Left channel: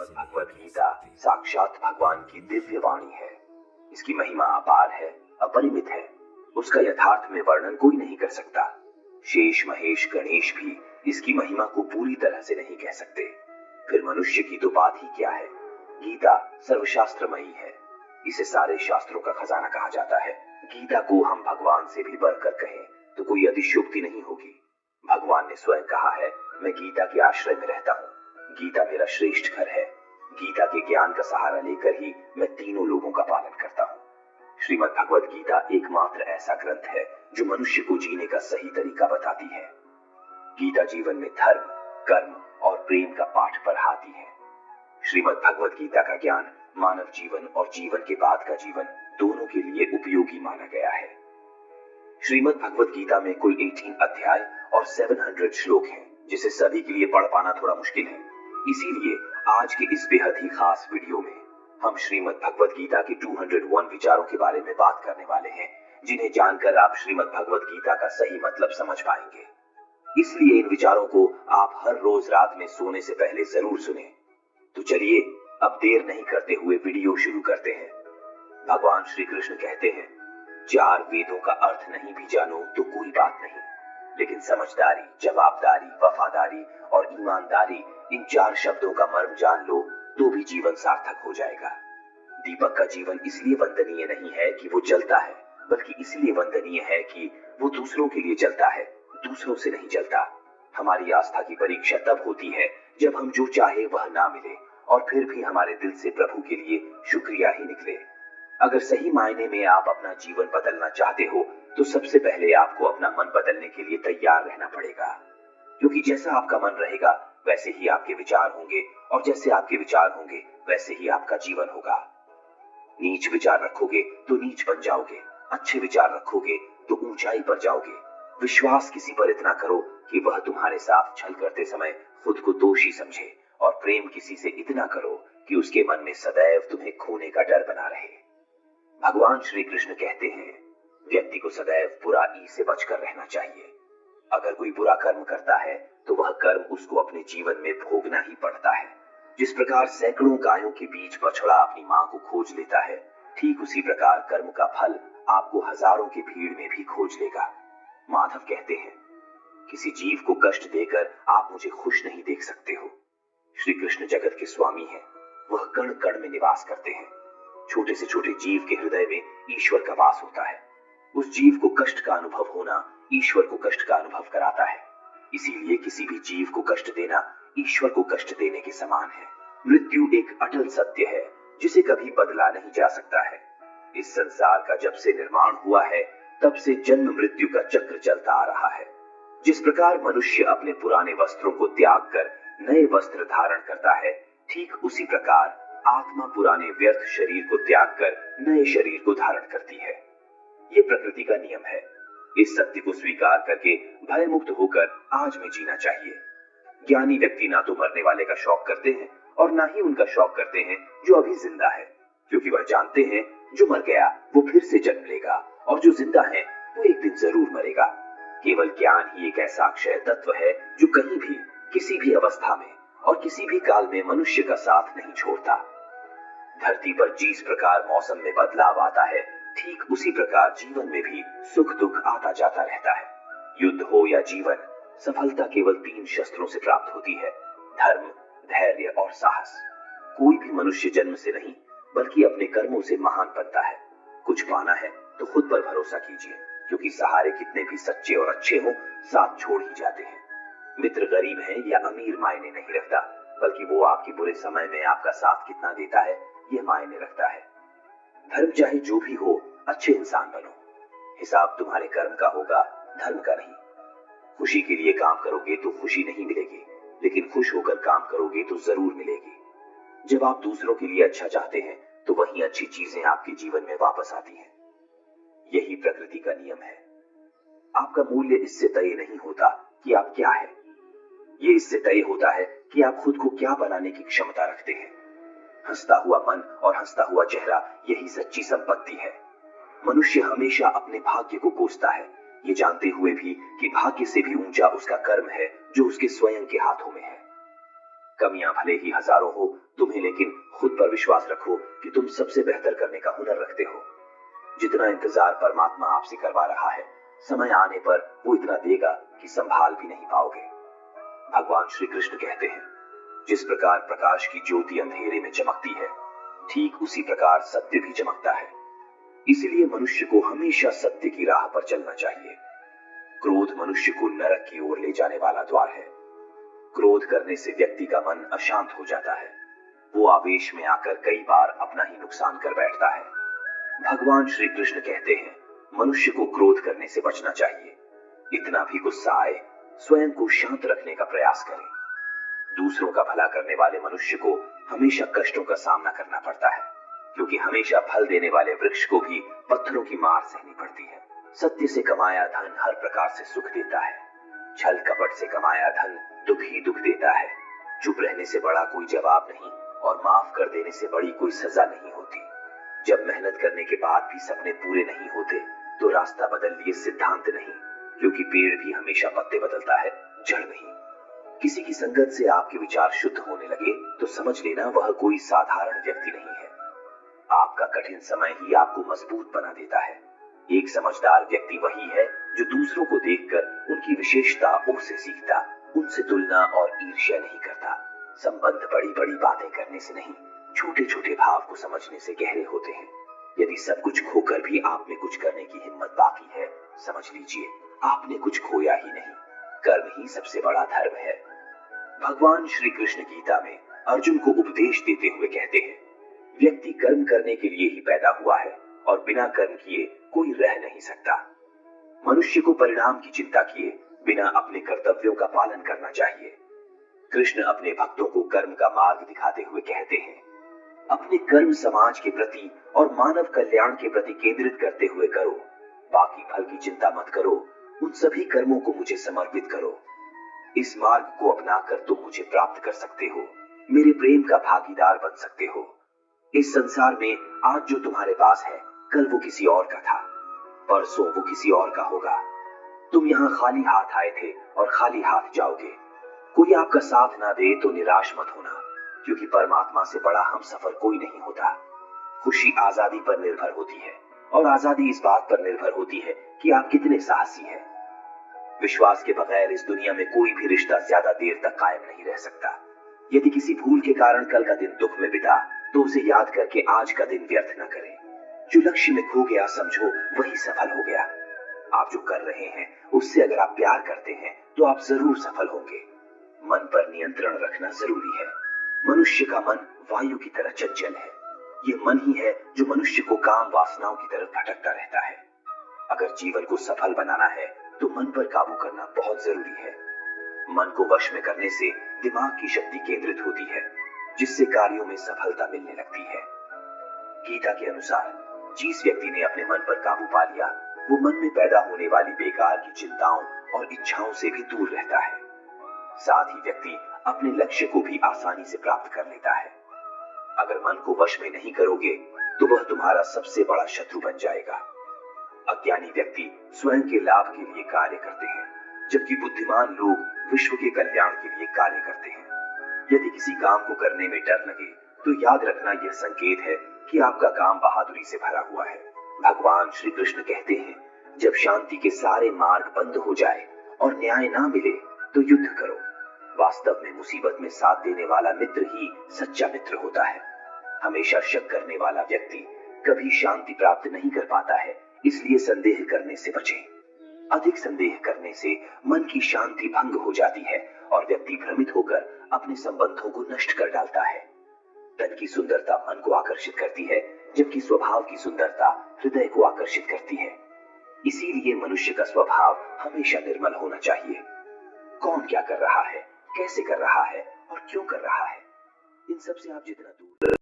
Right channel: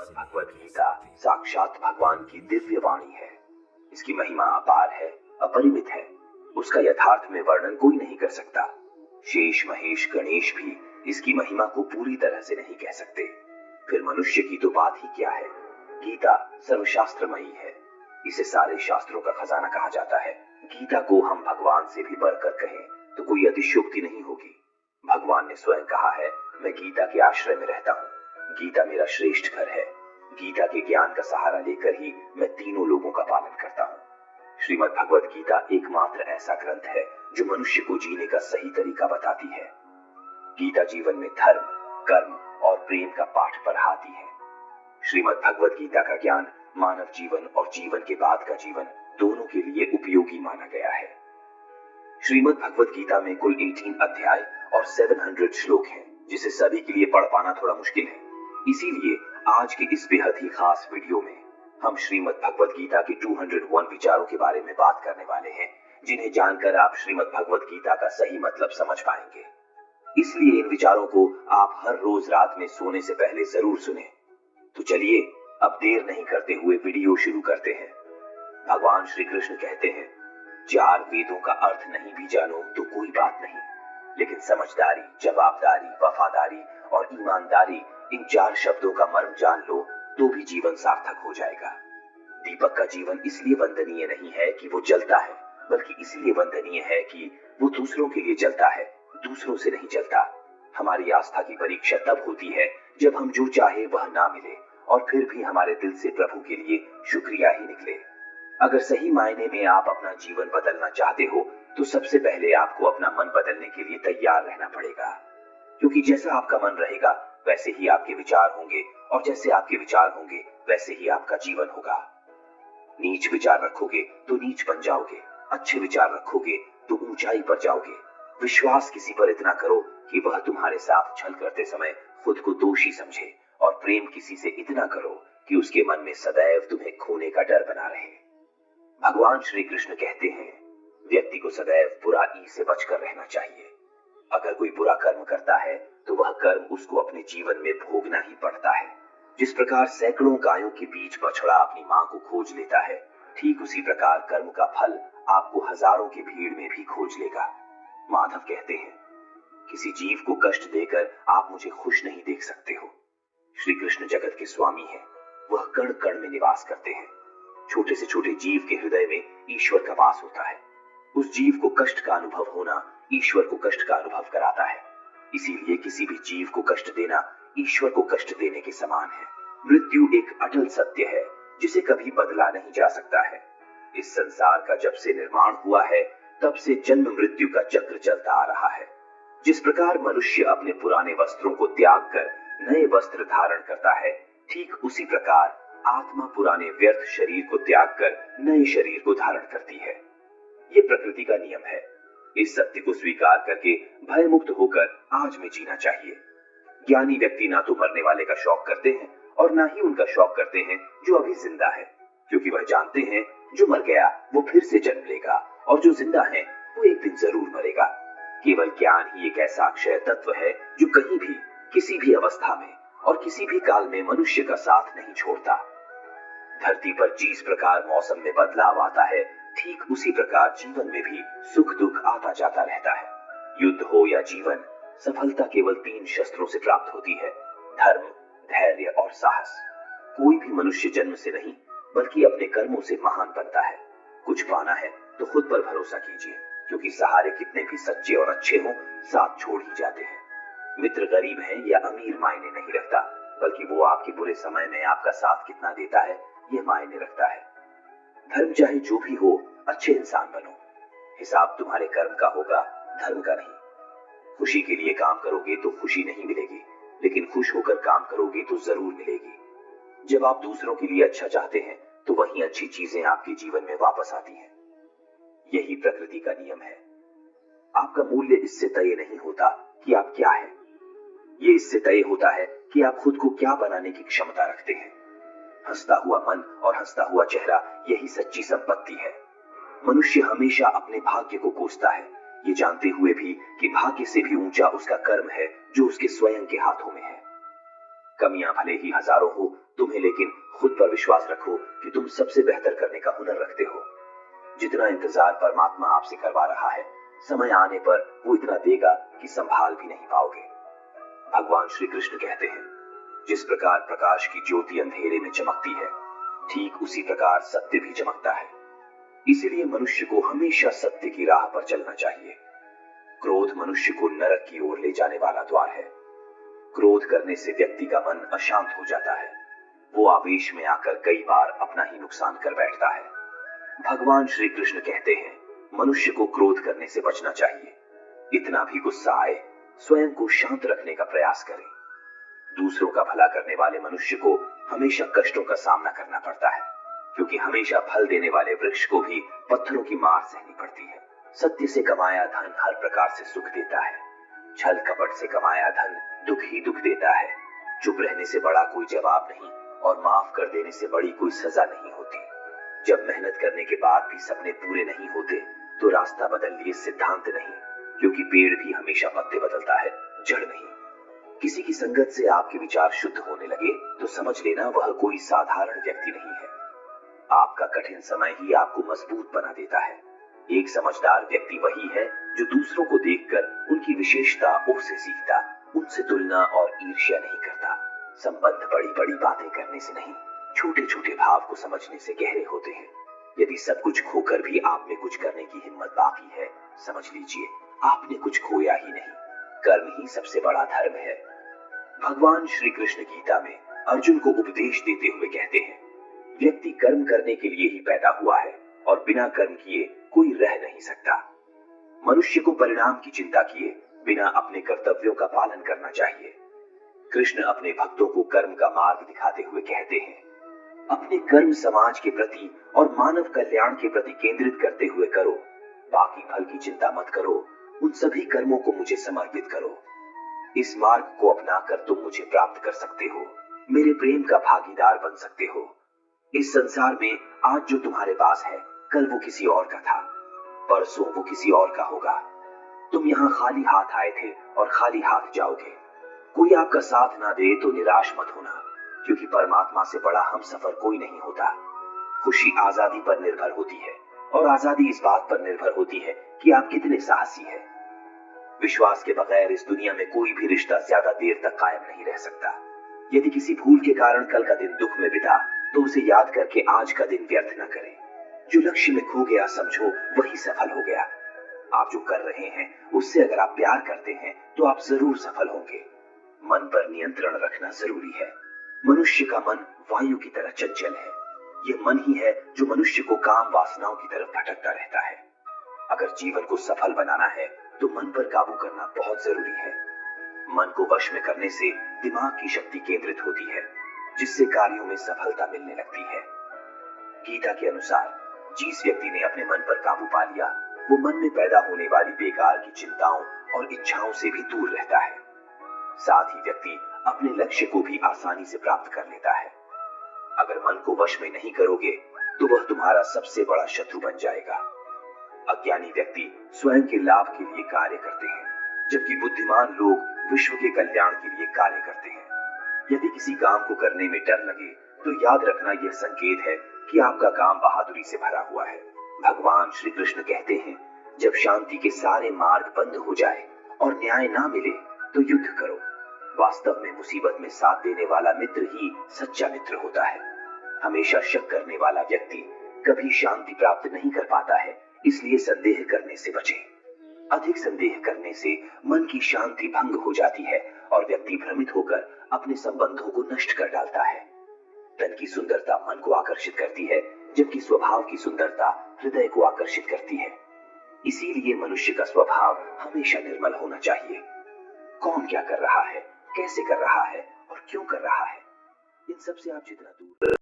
श्रीमद् भगवद गीता साक्षात भगवान की दिव्य वाणी है। इसकी महिमा अपार है, अपरिमित है। उसका यथार्थ में वर्णन कोई नहीं कर सकता। शेष महेश गणेश भी इसकी महिमा को पूरी तरह से नहीं कह सकते। फिर मनुष्य की तो बात ही क्या है। गीता सर्वशास्त्रमयी है। इसे सारे शास्त्रों का खजाना कहा जाता है। गीता को हम भगवान से भी बढ़कर कहें तो कोई अतिशयोक्ति नहीं होगी। भगवान ने स्वयं कहा है, मैं गीता के आश्रय में रहता हूँ। गीता मेरा श्रेष्ठ घर है। गीता के ज्ञान का सहारा लेकर ही मैं तीनों लोगों का पालन करता हूँ। श्रीमद् भगवद गीता एकमात्र ऐसा ग्रंथ है जो मनुष्य को जीने का सही तरीका बताती है। गीता जीवन में धर्म, कर्म और प्रेम का पाठ पढ़ाती है। श्रीमद् भगवद गीता का ज्ञान मानव जीवन और जीवन के बाद का जीवन दोनों के लिए उपयोगी माना गया है। श्रीमद् भगवद गीता में कुल 18 अध्याय और 700 श्लोक हैं, जिसे सभी के लिए पढ़ पाना थोड़ा मुश्किल है। इसीलिए आज के इस बेहद ही खास वीडियो में हम श्रीमद् भगवद गीता के 201 विचारों के बारे में बात करने वाले हैं, जिन्हें जानकर आप श्रीमद् भगवद गीता का सही मतलब समझ पाएंगे। इसलिए इन विचारों को आप हर रोज रात में सोने से पहले जरूर सुने। तो चलिए अब देर नहीं करते हुए वीडियो शुरू करते हैं। भगवान श्री कृष्ण कहते हैं, 4 वेदों का अर्थ नहीं भी जानो तो कोई बात नहीं, लेकिन समझदारी, जवाबदारी, वफादारी और ईमानदारी, इन 4 शब्दों का मर्म जान लो तो भी जीवन सार्थक हो जाएगा। दीपक का जीवन इसलिए वंदनीय नहीं है कि वो जलता है, बल्कि इसलिए वंदनीय है कि वो दूसरों के लिए जलता है, दूसरों से नहीं जलता। हमारी आस्था की परीक्षा तब होती है जब हम जो चाहे वह ना मिले और फिर भी हमारे दिल से प्रभु के लिए शुक्रिया ही निकले। अगर सही मायने में आप अपना जीवन बदलना चाहते हो तो सबसे पहले आपको अपना मन बदलने के लिए तैयार रहना पड़ेगा, क्योंकि जैसा आपका मन रहेगा वैसे ही आपके विचार होंगे और जैसे आपके विचार होंगे वैसे ही आपका जीवन होगा। नीच विचार रखोगे तो नीच बन जाओगे, अच्छे विचार रखोगे तो ऊंचाई पर जाओगे। विश्वास किसी पर इतना करो कि वह तुम्हारे साथ छल करते समय खुद को दोषी समझे, और प्रेम किसी से इतना करो कि उसके मन में सदैव तुम्हें खोने का डर बना रहे। भगवान श्री कृष्ण कहते हैं, व्यक्ति को सदैव बुराई से बचकर रहना चाहिए। अगर कोई बुरा कर्म करता है तो वह कर्म उसको अपने जीवन में भोगना ही पड़ता है। जिस प्रकार सैकड़ों गायों के बीच बछड़ा अपनी मां को खोज लेता है, ठीक उसी प्रकार कर्म का फल आपको हजारों की भीड़ में भी खोज लेगा। माधव कहते हैं, किसी जीव को कष्ट देकर आप मुझे खुश नहीं देख सकते हो। श्री कृष्ण जगत के स्वामी हैं, वह कण कण में निवास करते हैं। छोटे से छोटे जीव के हृदय में ईश्वर का वास होता है। उस जीव को कष्ट का अनुभव होना ईश्वर को कष्ट का अनुभव कराता है। इसीलिए किसी भी जीव को कष्ट देना ईश्वर को कष्ट देने के समान है। मृत्यु एक अटल सत्य है जिसे कभी बदला नहीं जा सकता है। इस संसार का जब से निर्माण हुआ है तब से जन्म मृत्यु का चक्र चलता आ रहा है। जिस प्रकार मनुष्य अपने पुराने वस्त्रों को त्याग कर नए वस्त्र धारण करता है, ठीक उसी प्रकार आत्मा पुराने व्यर्थ शरीर को त्याग कर नए शरीर को धारण करती है। ये प्रकृति का नियम है। इस सत्य को स्वीकार करके भय मुक्त होकर आज में जीना चाहिए। ज्ञानी व्यक्ति ना तो मरने वाले का शौक करते हैं और ना ही उनका शौक करते हैं जो अभी जिंदा है, क्योंकि वह जानते हैं जो मर गया वो फिर से जन्म लेगा और जो जिंदा है वो एक दिन जरूर मरेगा। केवल ज्ञान ही एक ऐसा अक्षय तत्व है जो कहीं भी, किसी भी अवस्था में और किसी भी काल में मनुष्य का साथ नहीं छोड़ता। धरती पर जिस प्रकार मौसम में बदलाव आता है, ठीक उसी प्रकार जीवन में भी सुख दुख आता जाता रहता है। युद्ध हो या जीवन, सफलता केवल 3 शस्त्रों से प्राप्त होती है, धर्म, धैर्य और साहस। कोई भी मनुष्य जन्म से नहीं बल्कि अपने कर्मों से महान बनता है। कुछ पाना है तो खुद पर भरोसा कीजिए, क्योंकि सहारे कितने भी सच्चे और अच्छे हों, साथ छोड़ ही जाते हैं। मित्र गरीब है या अमीर मायने नहीं रखता, बल्कि वो आपके बुरे समय में आपका साथ कितना देता है ये मायने रखता है। धर्म चाहे जो भी हो, अच्छे इंसान बनो। हिसाब तुम्हारे कर्म का होगा, धर्म का नहीं। खुशी के लिए काम करोगे तो खुशी नहीं मिलेगी, लेकिन खुश होकर काम करोगे तो जरूर मिलेगी। जब आप दूसरों के लिए अच्छा चाहते हैं तो वही अच्छी चीजें आपके जीवन में वापस आती हैं। यही प्रकृति का नियम है। आपका मूल्य इससे तय नहीं होता कि आप क्या हैं, ये इससे तय होता है कि आप खुद को क्या बनाने की क्षमता रखते हैं। हंसता हुआ मन और हंसता हुआ चेहरा, यही सच्ची संपत्ति है। मनुष्य हमेशा अपने भाग्य को कोसता है, ये जानते हुए भी कि भाग्य से भी ऊंचा उसका कर्म है जो उसके स्वयं के हाथों में है। कमियां भले ही हजारों हो तुम्हें, लेकिन खुद पर विश्वास रखो कि तुम सबसे बेहतर करने का हुनर रखते हो। जितना इंतजार परमात्मा आपसे करवा रहा है, समय आने पर वो इतना देगा कि संभाल भी नहीं पाओगे। भगवान श्री कृष्ण कहते हैं, जिस प्रकार प्रकाश की ज्योति अंधेरे में चमकती है, ठीक उसी प्रकार सत्य भी चमकता है। इसलिए मनुष्य को हमेशा सत्य की राह पर चलना चाहिए। क्रोध मनुष्य को नरक की ओर ले जाने वाला द्वार है। क्रोध करने से व्यक्ति का मन अशांत हो जाता है। वो आवेश में आकर कई बार अपना ही नुकसान कर बैठता है। भगवान श्री कृष्ण कहते हैं, मनुष्य को क्रोध करने से बचना चाहिए। इतना भी गुस्सा आए, स्वयं को शांत रखने का प्रयास करें। दूसरों का भला करने वाले मनुष्य को हमेशा कष्टों का सामना करना पड़ता है, क्योंकि हमेशा फल देने वाले वृक्ष को भी पत्थरों की मार सहनी पड़ती है। सत्य से कमाया धन हर प्रकार से सुख देता है। छल कपट से कमाया धन दुख ही दुख देता है। चुप रहने से बड़ा कोई जवाब नहीं और माफ कर देने से बड़ी कोई सजा नहीं होती। जब मेहनत करने के बाद भी सपने पूरे नहीं होते तो रास्ता बदल लिए सिद्धांत नहीं, क्योंकि पेड़ भी हमेशा पत्ते बदलता है, जड़ नहीं। किसी की संगत से आपके विचार शुद्ध होने लगे तो समझ लेना वह कोई साधारण व्यक्ति नहीं है। आपका कठिन समय ही आपको मजबूत बना देता है। एक समझदार व्यक्ति वही है जो दूसरों को देखकर उनकी विशेषताओं से सीखता, उनसे तुलना और ईर्ष्या नहीं करता। संबंध बड़ी बड़ी बातें करने से नहीं, छोटे छोटे भाव को समझने से गहरे होते हैं। यदि सब कुछ खोकर भी आप में कुछ करने की हिम्मत बाकी है, समझ लीजिए आपने कुछ खोया ही नहीं। कर्म ही सबसे बड़ा धर्म है। भगवान श्री कृष्ण गीता में अर्जुन को उपदेश देते हुए कहते हैं, व्यक्ति कर्म करने के लिए ही पैदा हुआ है और बिना कर्म किए कोई रह नहीं सकता। मनुष्य को परिणाम की चिंता किए बिना अपने कर्तव्यों का पालन करना चाहिए। कृष्ण अपने भक्तों को कर्म का मार्ग दिखाते हुए कहते हैं, अपने कर्म समाज के प्रति और मानव कल्याण के प्रति केंद्रित करते हुए करो। बाकी फल की चिंता मत करो, उन सभी कर्मों को मुझे समर्पित करो। इस मार्ग को अपनाकर तुम मुझे प्राप्त कर सकते हो, मेरे प्रेम का भागीदार बन सकते हो। इस संसार में आज जो तुम्हारे पास है, कल वो किसी और का था, परसों वो किसी और का होगा। तुम यहाँ खाली हाथ आए थे और खाली हाथ जाओगे। कोई आपका साथ ना दे तो निराश मत होना, क्योंकि परमात्मा से बड़ा हम सफर कोई नहीं होता। खुशी आजादी पर निर्भर होती है और आजादी इस बात पर निर्भर होती है कि आप कितने साहसी हैं। विश्वास के बगैर इस दुनिया में कोई भी रिश्ता ज्यादा देर तक कायम नहीं रह सकता। यदि किसी भूल के कारण कल का दिन दुख में बिता तो उसे याद करके आज का दिन व्यर्थ न करें। जो लक्ष्य में खो गया समझो वही सफल हो गया। आप जो कर रहे हैं उससे अगर आप प्यार करते हैं तो आप जरूर सफल होंगे। मन पर नियंत्रण रखना जरूरी है। मनुष्य का मन वायु की तरह चंचल है। ये मन ही है जो मनुष्य को काम वासनाओं की तरफ भटकता रहता है। अगर जीवन को सफल बनाना है तो मन पर काबू करना बहुत जरूरी है। मन को वश में करने से दिमाग की शक्ति केंद्रित होती है, जिससे कार्यों में सफलता मिलने लगती है। गीता के अनुसार जिस व्यक्ति ने अपने मन पर काबू पा लिया, वो मन में पैदा होने वाली बेकार की चिंताओं और इच्छाओं से भी दूर रहता है। साथ ही व्यक्ति अपने लक्ष्य को भी आसानी से प्राप्त कर लेता है। अगर मन को वश में नहीं करोगे तो वह तुम्हारा सबसे बड़ा शत्रु बन जाएगा। अज्ञानी व्यक्ति स्वयं के लाभ के लिए कार्य करते हैं, जबकि बुद्धिमान लोग विश्व के कल्याण के लिए कार्य करते हैं। यदि किसी काम को करने में डर लगे तो याद रखना यह संकेत है कि आपका काम बहादुरी से भरा हुआ है। भगवान श्री कृष्ण कहते हैं, जब शांति के सारे मार्ग बंद हो जाए और न्याय ना मिले तो युद्ध करो। वास्तव में मुसीबत में साथ देने वाला मित्र ही सच्चा मित्र होता है। हमेशा शक करने वाला व्यक्ति कभी शांति प्राप्त नहीं कर पाता है, इसलिए संदेह करने से बचें। अधिक संदेह करने से मन की शांति भंग हो जाती है और व्यक्ति भ्रमित होकर अपने संबंधों को नष्ट कर डालता है। तन की सुंदरता मन को आकर्षित करती है, जबकि स्वभाव की सुंदरता हृदय को आकर्षित करती है। इसीलिए मनुष्य का स्वभाव हमेशा निर्मल होना चाहिए। कौन क्या कर रहा है, कैसे कर रहा है और क्यों कर रहा है, इन सब से आप जितना दूर